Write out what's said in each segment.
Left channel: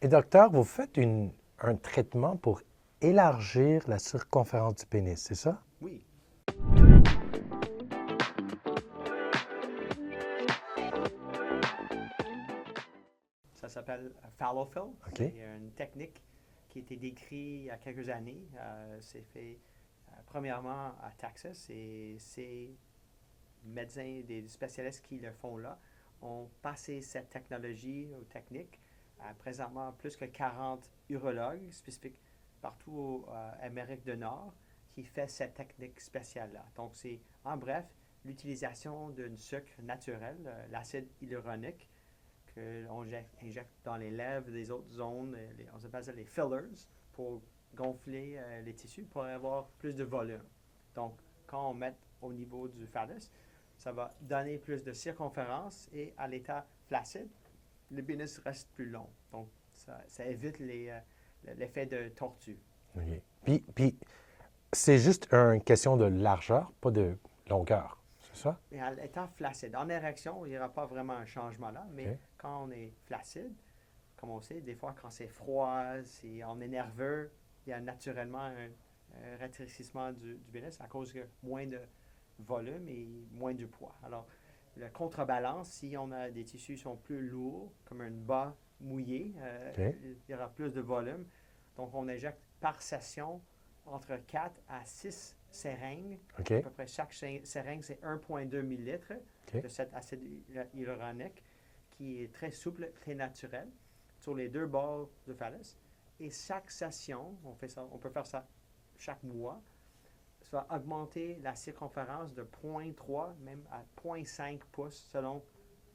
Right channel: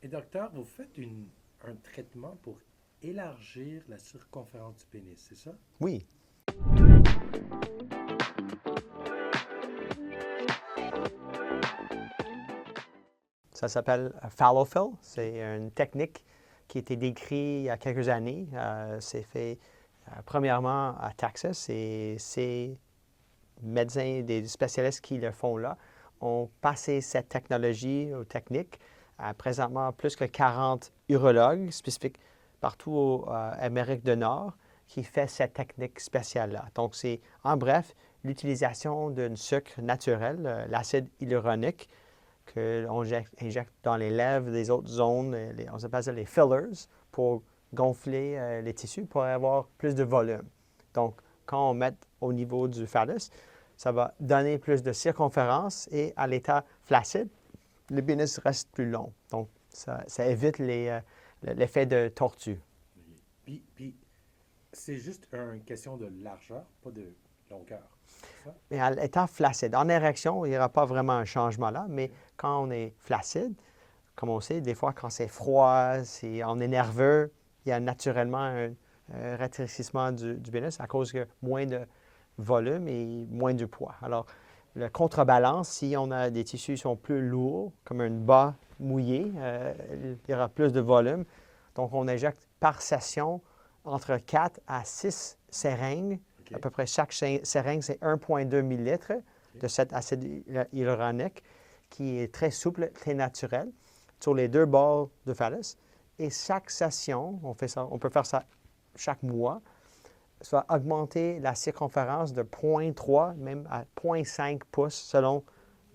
Et docteur, vous faites un traitement pour élargir la circonférence du pénis, c'est ça? Oui. Ça s'appelle Fallofill. C'est une technique qui a été décrite il y a quelques années. C'est fait premièrement à Texas et ces médecins, des spécialistes qui le font là, ont passé cette technologie aux techniques à présentement plus que 40 urologues spécifiques partout en Amérique du Nord qui fait cette technique spéciale-là. Donc, c'est en bref l'utilisation d'un sucre naturel, l'acide hyaluronique, qu'on injecte dans les lèvres des autres zones, on appelle ça les fillers, pour gonfler les tissus, pour avoir plus de volume. Donc, quand on met au niveau du phallus, ça va donner plus de circonférence et à l'état flaccide, le pénis reste plus long. Donc, ça évite l'effet de tortue. Okay. Puis c'est juste une question de largeur, pas de longueur, c'est ça? Mais à l'état flaccide, en érection, il n'y aura pas vraiment un changement là, mais quand on est flaccide, comme on sait, des fois quand c'est froid, on est nerveux, il y a naturellement un rétrécissement du pénis à cause de moins de volume et moins de poids. Alors, le contrebalance, si on a des tissus qui sont plus lourds, comme un bas mouillé, il y aura plus de volume. Donc, on injecte par session entre 4 à 6 seringues. À peu près chaque seringue, c'est 1,2 millilitres de cet acide hyaluronique qui est très souple, très naturel, sur les deux bords du phallus. Et chaque session, on peut faire ça chaque mois, ça va augmenter la circonférence de 0,3 même à 0,5 pouces selon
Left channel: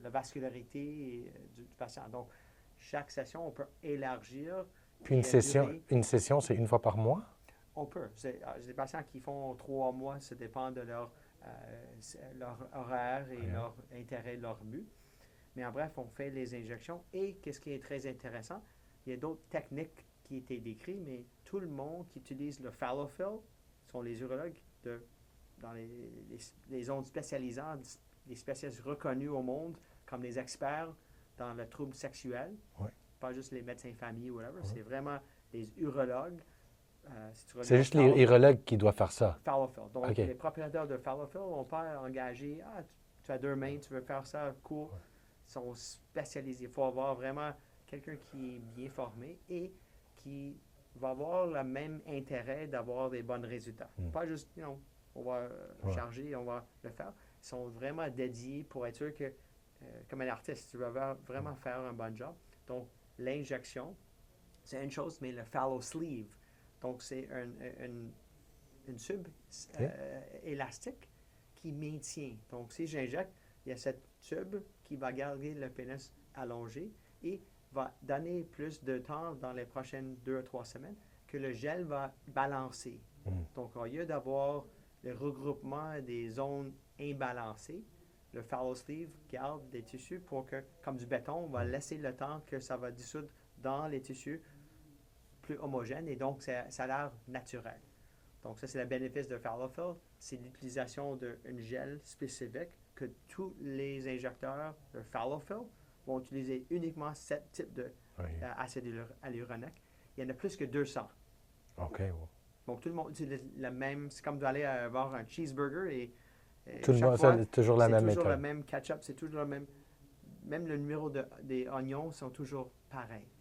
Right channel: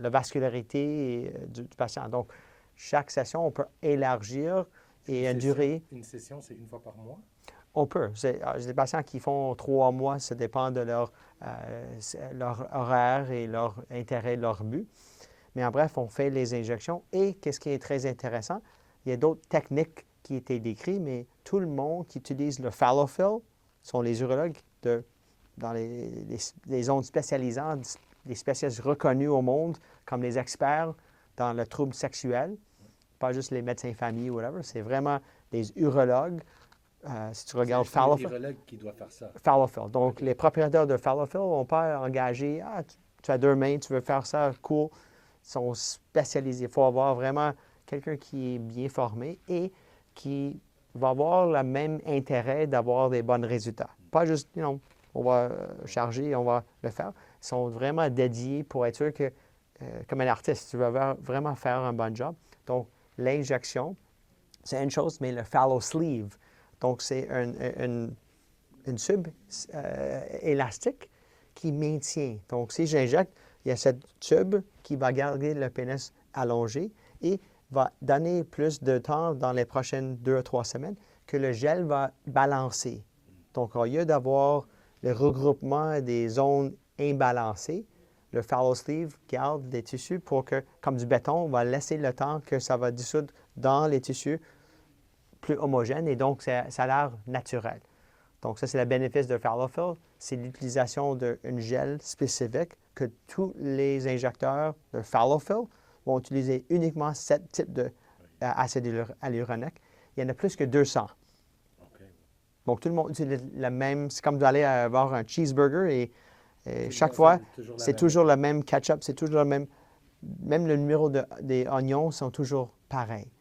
la vascularité du patient. Donc, chaque session, on peut élargir et durer. Une session, c'est une fois par mois? On peut. J'ai des patients qui font 3 mois, ça dépend de leur horaire et leur intérêt, leur but. Mais en bref, on fait les injections. Et qu'est-ce qui est très intéressant, il y a d'autres techniques qui étaient décrites, mais tout le monde qui utilise le Fallofill sont les urologues dans les zones spécialisantes, les spécialistes reconnus au monde comme les experts dans le trouble sexuel. Pas juste les médecins famille ou whatever, c'est vraiment les urologues. Si tu regardes c'est juste les urologues qui doivent faire ça. Fallofill. Donc, les propriétaires de Fallofill ne vont pas engager tu as 2 mains, tu veux faire ça, cool. Ils sont spécialisés. Il faut avoir vraiment quelqu'un qui est bien formé et qui va avoir le même intérêt d'avoir des bons résultats. Pas juste, on va charger, on va le faire. Ils sont vraiment dédiés pour être sûr que, comme un artiste, tu vas vraiment faire un bon job. Donc, l'injection, c'est une chose, mais le fallow sleeve, donc c'est une tube élastique qui maintient. Donc, si j'injecte, il y a cette tube qui va garder le pénis allongé et va donner plus de temps dans les prochaines 2 à 3 semaines que le gel va balancer. Donc, au lieu d'avoir le regroupement des zones imbalancées, le fallow sleeve garde des tissus pour que, comme du béton, on va laisser le temps que ça va dissoudre dans les tissus plus homogènes et donc ça a l'air naturel. Donc, ça, c'est le bénéfice de Fallofill, c'est l'utilisation d'un gel spécifique que tous les injecteurs de Fallofill vont utiliser uniquement ce type d'acide hyaluronique. Il y en a plus que 200. Donc, tout le monde utilise le même. C'est comme d'aller avoir un cheeseburger et chaque fois, c'est toujours le même ketchup, c'est toujours le même. Même le numéro des oignons sont toujours pareils.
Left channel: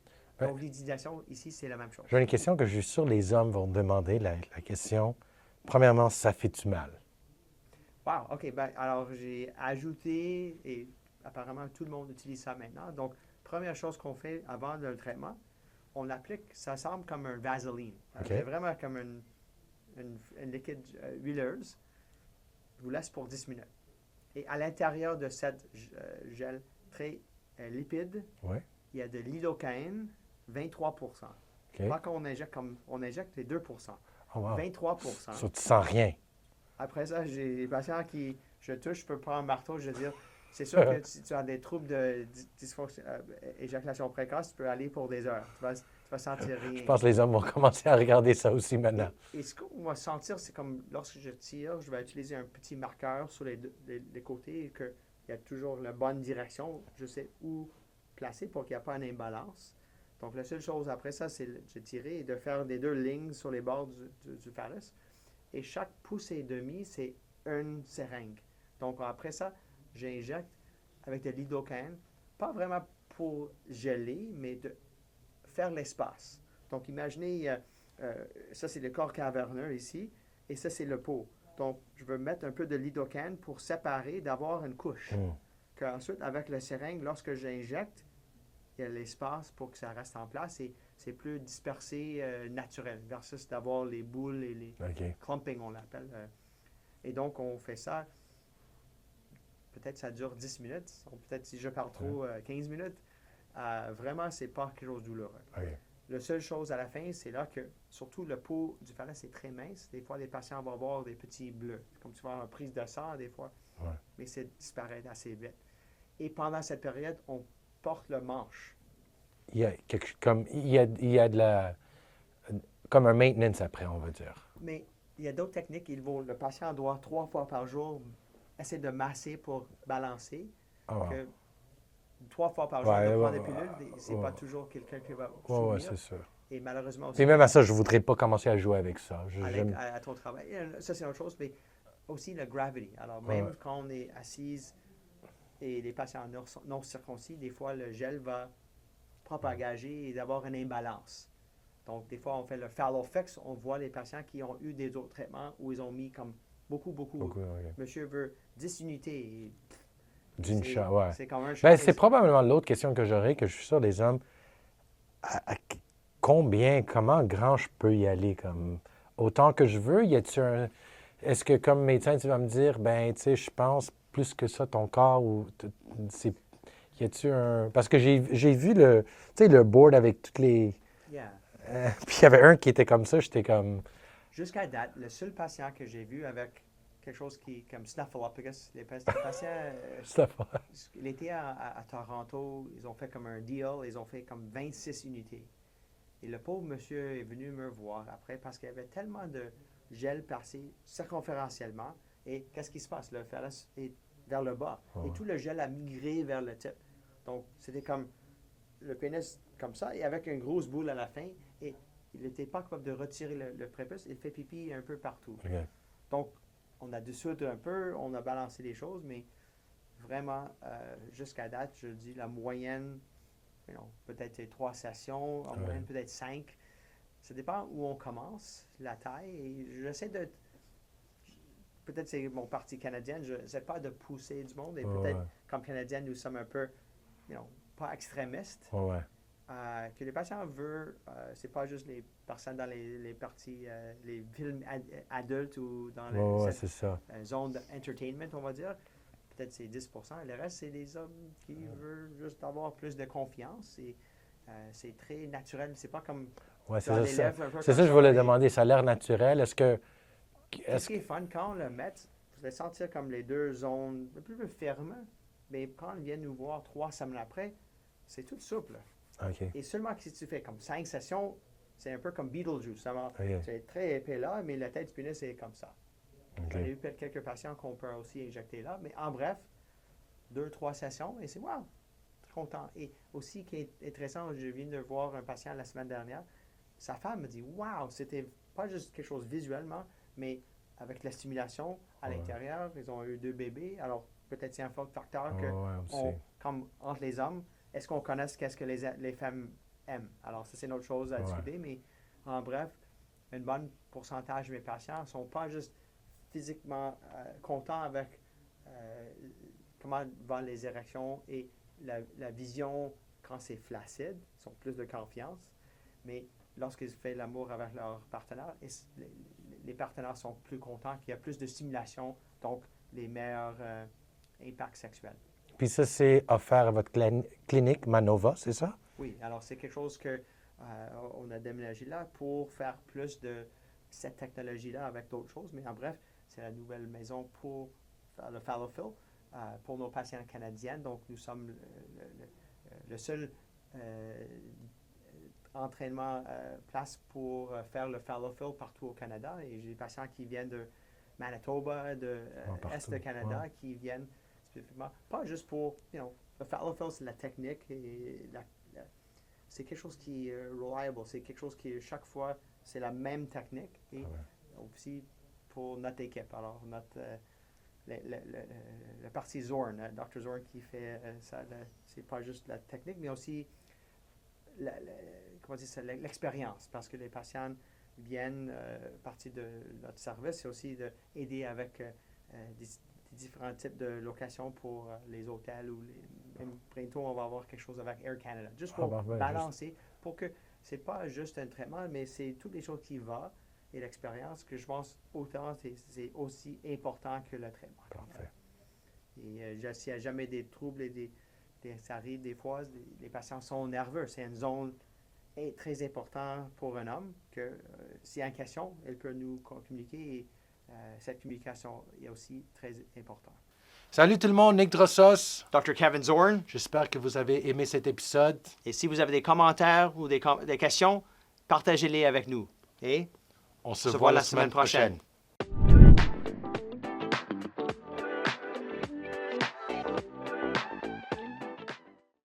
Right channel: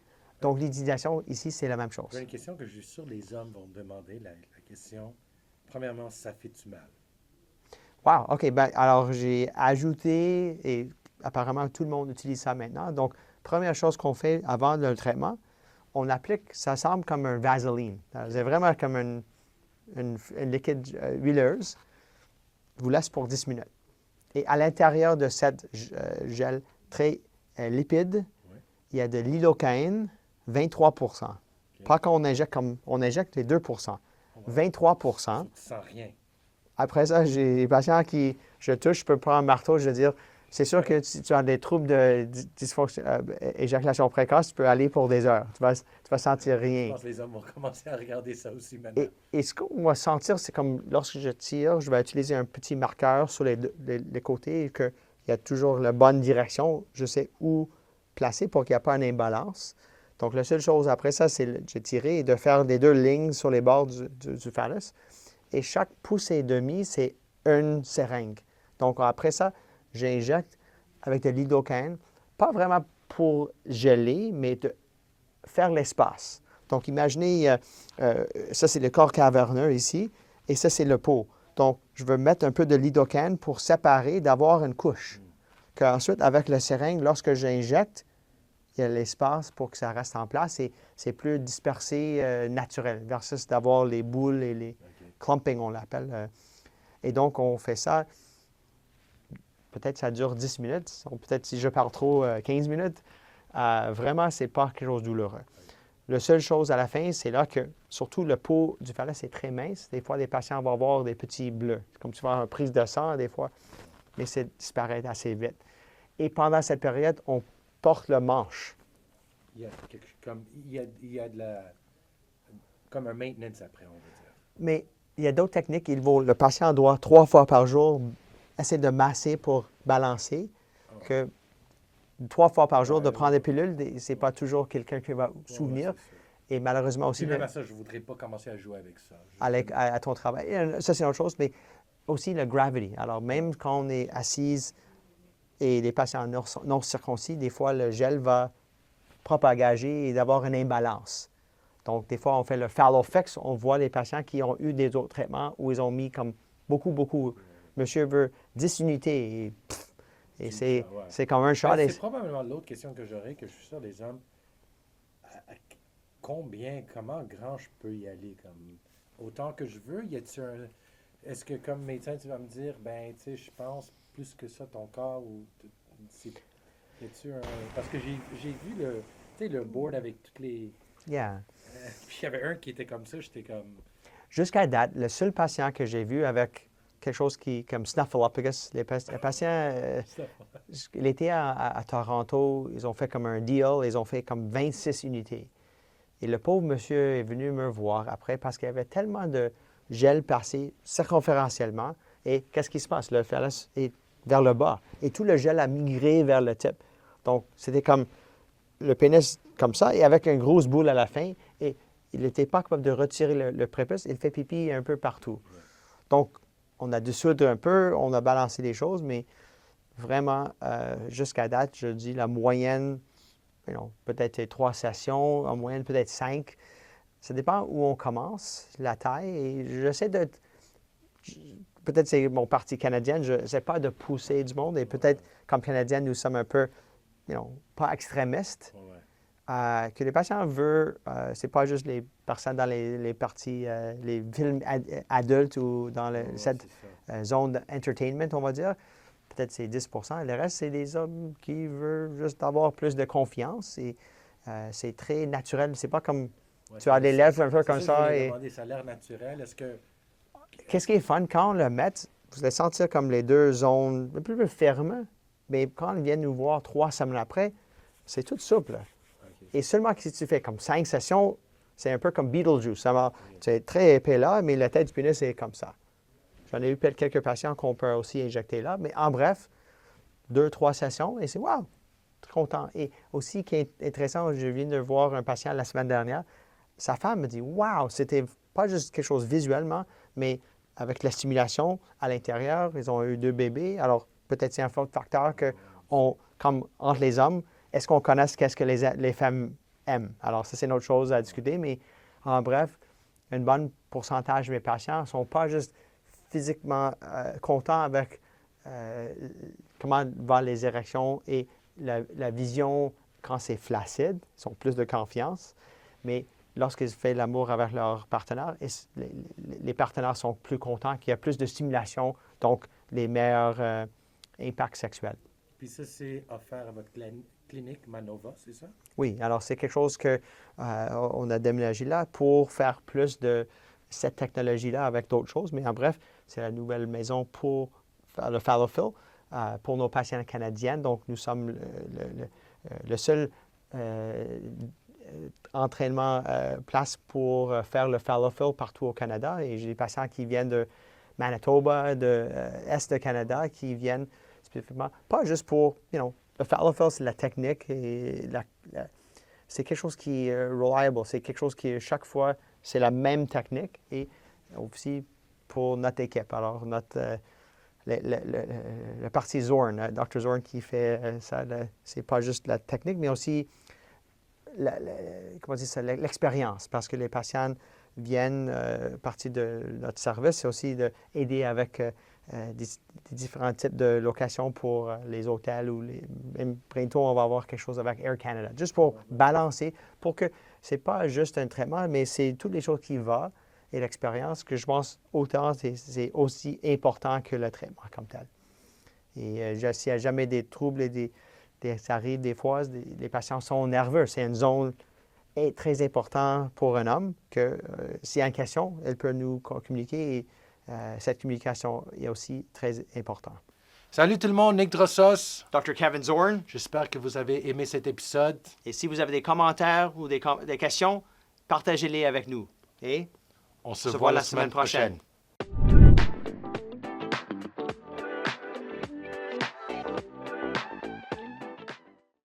Donc, l'utilisation ici, c'est la même chose. J'ai une question que je suis sûr les hommes vont demander. La question, premièrement, ça fait-tu mal? Wow, OK. Ben, alors, j'ai ajouté, et apparemment, tout le monde utilise ça maintenant. Donc, première chose qu'on fait avant le traitement, on applique, ça semble comme un Vaseline. C'est vraiment comme une liquide huileuse. Vous laisse pour 10 minutes. Et à l'intérieur de cette gel très lipide, il y a de l'ilocaïne, 23 Pas quand on injecte comme on injecte les 2 23 Ça, tu sens rien. Après ça, j'ai des patients qui, je touche, je peux prendre un marteau, je veux dire, c'est sûr que si tu as des troubles de éjaculation précoce, tu peux aller pour des heures. Tu vas sentir rien. Je pense que les hommes vont commencer à regarder ça aussi maintenant. Et ce qu'on va sentir, c'est comme lorsque je tire, je vais utiliser un petit marqueur sur les côtés et qu'il y a toujours la bonne direction. Je sais où placer pour qu'il n'y ait pas une imbalance. Donc, la seule chose après ça, c'est de tirer et de faire des 2 lignes sur les bords du phallus. Et chaque pouce et demi, c'est une seringue. Donc, après ça, j'injecte avec de lidocaine, pas vraiment pour geler, mais de faire l'espace. Donc, imaginez, ça, c'est le corps caverneux ici, et ça, c'est le pot. Donc, je veux mettre un peu de lidocaine pour séparer, d'avoir une couche. Qu'ensuite, avec la seringue, lorsque j'injecte, il y a l'espace pour que ça reste en place et c'est plus dispersé naturel versus d'avoir les boules et les clumping, on l'appelle. Et donc, on fait ça, peut-être ça dure 10 minutes, ou peut-être si je parle trop, 15 minutes. Vraiment, ce n'est pas quelque chose de douloureux. La seule chose à la fin, c'est là que, surtout le pot du phallus est très mince. Des fois, les patients vont avoir des petits bleus, comme tu vois, une prise de sang, des fois, mais c'est disparaît assez vite. Et pendant cette période, on porte le manche. Il y a comme un maintenance après, on va dire. Mais il y a d'autres techniques. Le patient doit 3 fois par jour essayer de masser pour balancer. Que 3 fois par jour de prendre des pilules, c'est pas toujours quelqu'un qui va souvenir. Et malheureusement aussi... Et même à ça, je ne voudrais pas commencer à jouer avec ça. À ton travail. Ça, c'est une autre chose, mais aussi le gravity. Alors, même quand on est assise et les patients non circoncis, des fois, le gel va propager et d'avoir une imbalance. Donc, des fois, on fait le fallow fix. On voit les patients qui ont eu des autres traitements où ils ont mis comme beaucoup. Monsieur veut 10 unités et c'est comme un shot. C'est probablement l'autre question que j'aurais, que je suis sûr des hommes. Comment grand je peux y aller? Comme autant que je veux? Est-ce que comme médecin, tu vas me dire, ben, tu sais, je pense plus que ça, ton corps, ou y a-tu un... Parce que j'ai vu le board avec toutes les... puis il y avait un qui était comme ça, j'étais comme... Jusqu'à date, le seul patient que j'ai vu avec quelque chose comme Snuffleupagus, les patients... il était à Toronto, ils ont fait comme un deal, ils ont fait comme 26 unités. Et le pauvre monsieur est venu me voir après parce qu'il y avait tellement de gel passé circonférentiellement. Et qu'est-ce qui se passe? Le phallus est vers le bas. Et tout le gel a migré vers le type. Donc, c'était comme le pénis comme ça et avec une grosse boule à la fin. Et il n'était pas capable de retirer le prépuce. Il fait pipi un peu partout. Donc, on a dissoudre un peu, on a balancé les choses, mais vraiment, jusqu'à date, je dis la moyenne, peut-être 3 sessions, en moyenne peut-être 5. Ça dépend où on commence, la taille. Et j'essaie de... Peut-être c'est mon parti canadien, je n'essaie pas de pousser du monde. Et peut-être, comme Canadienne, nous sommes un peu, pas extrémistes. Que les patients veulent, c'est pas juste les personnes dans les parties, les films adultes ou dans cette zone d'entertainment, on va dire. Peut-être c'est 10 %. Le reste, c'est des hommes qui veulent juste avoir plus de confiance. Et c'est très naturel. C'est pas comme tu as les lèvres un peu comme ça. C'est ça que je voulais demander. Ça a l'air naturel. Qu'est-ce qui est fun, quand on le met, vous allez sentir comme les 2 zones un peu plus fermes. Mais quand ils viennent nous voir 3 semaines après, c'est tout souple. Et seulement si tu fais comme 5 sessions, c'est un peu comme Beetlejuice. C'est très épais là, mais la tête du pénis est comme ça. J'en ai eu quelques patients qu'on peut aussi injecter là. Mais en bref, 2-3 sessions et c'est wow, très content. Et aussi, qui est intéressant, je viens de voir un patient la semaine dernière. Sa femme me dit wow, c'était pas juste quelque chose visuellement, mais avec la stimulation à l'intérieur, ils ont eu 2 bébés. Alors, peut-être c'est un facteur que, comme entre les hommes, est-ce qu'on connaît qu'est-ce que les femmes aiment? Alors, ça, c'est une autre chose à discuter, mais en bref, un bon pourcentage de mes patients ne sont pas juste physiquement contents avec comment vont les érections et la vision quand c'est flaccide. Ils ont plus de confiance, mais lorsqu'ils font l'amour avec leur partenaire, les partenaires sont plus contents, qu'il y a plus de stimulation, donc les meilleurs impacts sexuels. Puis ça, c'est offert à votre clinique Manova, c'est ça? Oui, alors c'est quelque chose qu'on a déménagé là pour faire plus de cette technologie-là avec d'autres choses. Mais en bref, c'est la nouvelle maison pour faire le fallow fill pour nos patients canadiens. Donc, nous sommes le seul entraînement place pour faire le fallow fill partout au Canada. Et j'ai des patients qui viennent de Manitoba, de Est de Canada, qui viennent spécifiquement, pas juste pour, le fallow fill, c'est la technique et c'est quelque chose qui est reliable, c'est quelque chose qui, chaque fois, c'est la même technique et aussi pour notre équipe. Alors, le parti Zorn, Dr. Zorn qui fait ça, c'est pas juste la technique, mais aussi l'expérience, parce que les patients viennent, partie de notre service, c'est aussi d'aider avec des différents types de locations pour les hôtels ou même bientôt, on va avoir quelque chose avec Air Canada, juste pour balancer, pour que c'est pas juste un traitement, mais c'est toutes les choses qui vont et l'expérience que je pense autant c'est aussi important que le traitement comme tel. Et s'il n'y a jamais des troubles ça arrive des fois, les patients sont nerveux. C'est une zone très importante pour un homme que s'il y a une question, elle peut nous communiquer et cette communication est aussi très importante. Salut tout le monde, Nick Drossos. Dr. Kevin Zorn. J'espère que vous avez aimé cet épisode. Et si vous avez des commentaires ou des questions, partagez-les avec nous. Et on se voit la semaine prochaine.